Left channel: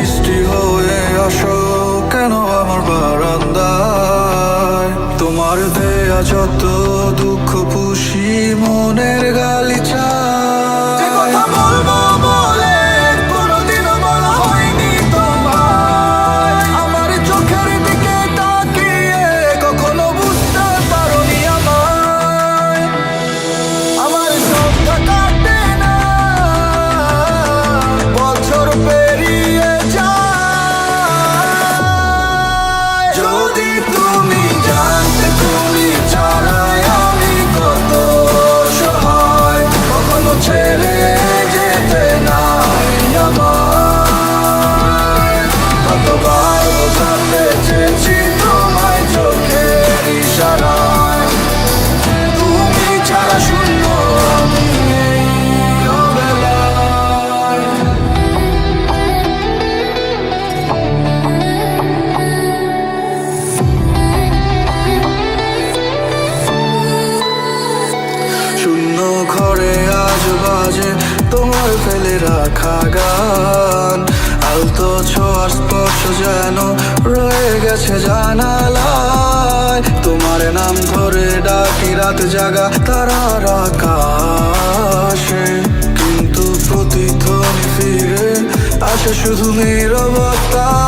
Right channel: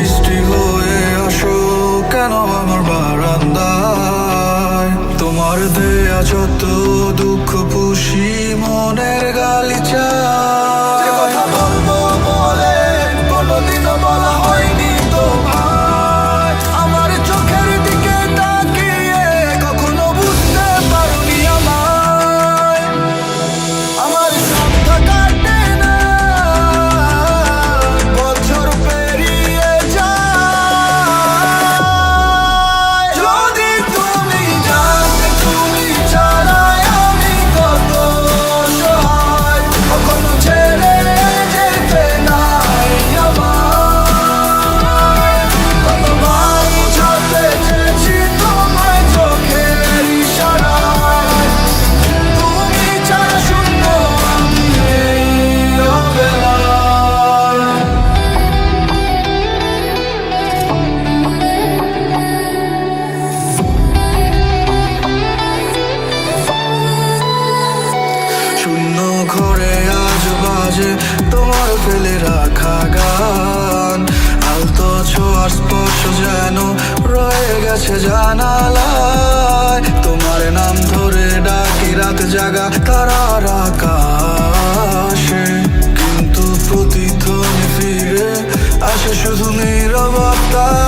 বৃষ্টি হয়ে আসো কেন আমার বারান্দায়। তোমার দেয়া যত দুঃখ পুষি মনের গালিচায়। কথা বলবো বলে কোনোদিনও বলা হয়নি তোমায়। আমার চোখের দিকে তাকিয়ে কখনো বুঝতে পারোনি আমায়। আমার সন্ধ্যা কাটে না, বছর পেরিয়ে যায়। যদি তুমি জানতে তুমি ছাড়াই আমি কত সহায়, কখনো ছেড়ে যেতে নাই আমায়। কতবার বোঝাতে চেয়েছি তোমায় চোখের ইশারায়, তুমি ছাড়া শূন্য আমি এই অবেলায়। শূন্য ঘরে আজ বাজে তোমার ফেলে রাখা গান। আলতো ছোঁয়ার স্পর্শ যেন রয়ে গেছে জানালায়। তোমার নাম ধরে ডাকি রাত জাগা তারার আকাশে, কিন্তু প্রতিধ্বনি ফিরে আসে শুধু নীরবতায়।